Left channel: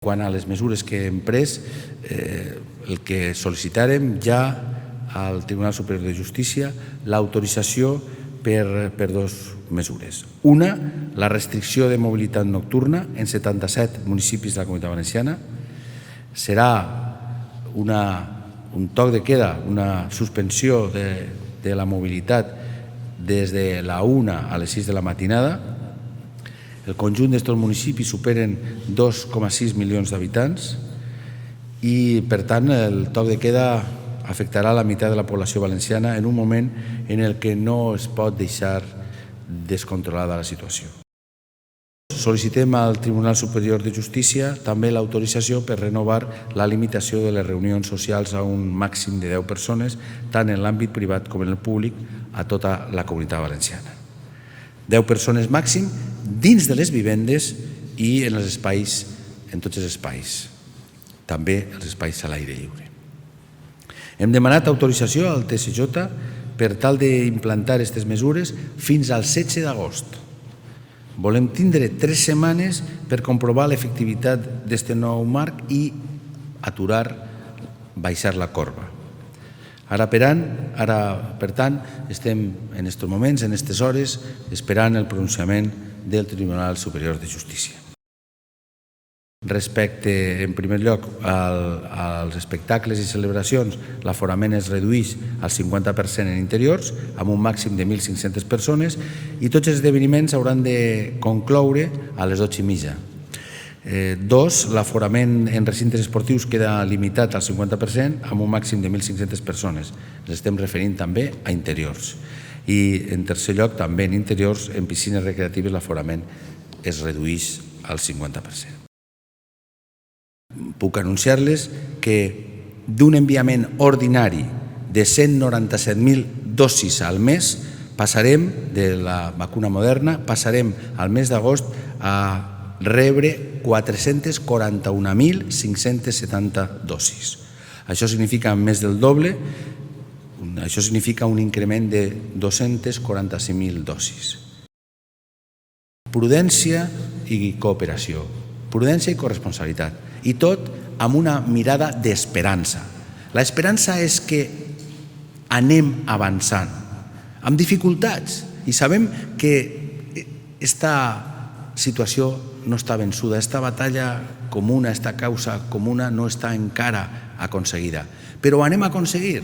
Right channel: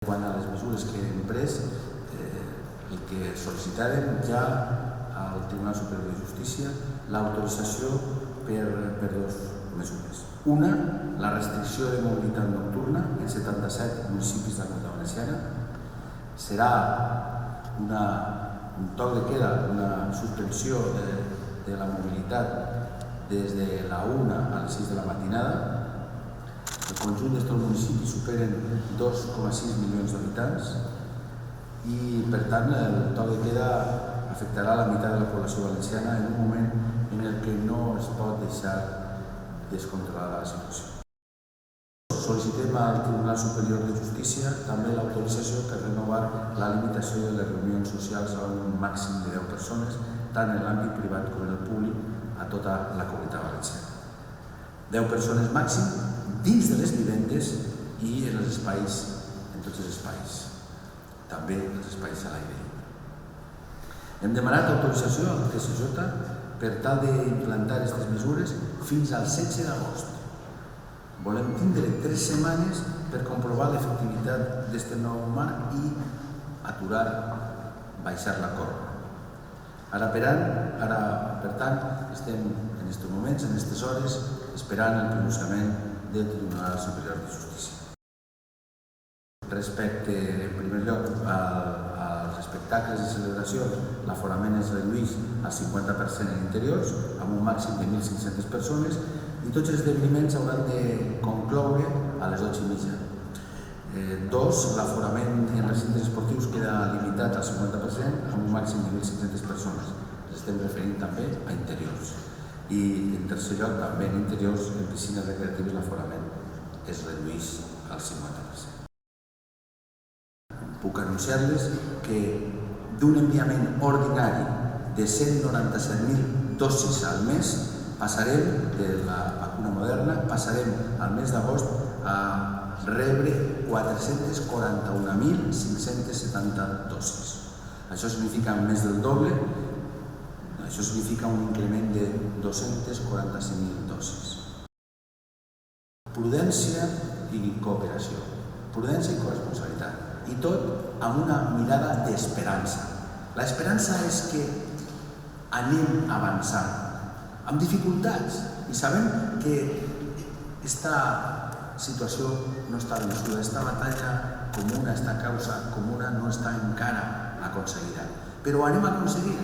Quant a les mesures que hem pres, el que sol·licitarem ja al Tribunal Superior de Justícia l'autorització per dues mesures. Una, la restricció de mobilitat nocturna en 77 municipis de la Comunitat Valenciana. Serà un toc de queda, una suspensió de la mobilitat des de la 1 a les 6 de la matinada. El conjunt d'estos municipis superen 2,6 milions d'habitants i, per tant, el toc de queda afectarà la meitat de la població valenciana en un moment en el que no es pot deixar descontrolada la situació. Sol·licitem al Tribunal Superior de Justícia també l'autorització per renovar la limitació de les reunions socials a un màxim de 10 persones, tant en l'àmbit privat com en el públic, a tota la Comunitat Valenciana. 10 persones màxim dins de les vivendes i en els espais, en tots els espais, també els espais a l'aire lliure. Hem demanat autorització al TSJ per tal d'implantar aquestes mesures fins al 16 d'agost. Volem tindre 3 setmanes per comprovar l'efectivitat d'aquest nou marc i aturar, baixar la corba. Ara, per tant, estem en aquests moments, en aquestes hores, esperant el pronunciament del Tribunal Superior de Justícia. Respecte, en primer lloc, als espectacles i celebracions, l'aforament es redueix al 50% en interiors, amb un màxim de 1.500 persones, i tots els esdeveniments hauran de concloure a les 12:30. 2. L'aforament en recintes esportius queda limitat al 50% amb un màxim de 1.500 persones. Ens estem referint també a interiors. I, en tercer lloc, també en interiors, en piscines recreatives, l'aforament es redueix al 50%. Puc anunciar-les que d'un enviament ordinari de 197.000 dosis al mes passarem, de la vacuna Moderna, passarem al mes d'agost a rebre 441.570 dosis. Això significa més del doble, això significa un increment de 245.000 dosis. Prudència i cooperació, prudència i corresponsabilitat, i tot amb una mirada d'esperança. L'esperança és que anem avançant, amb dificultats, i sabem que aquesta situació no està vençuda, aquesta batalla comuna, aquesta causa comuna no està encara aconseguida, però ho anem a aconseguir.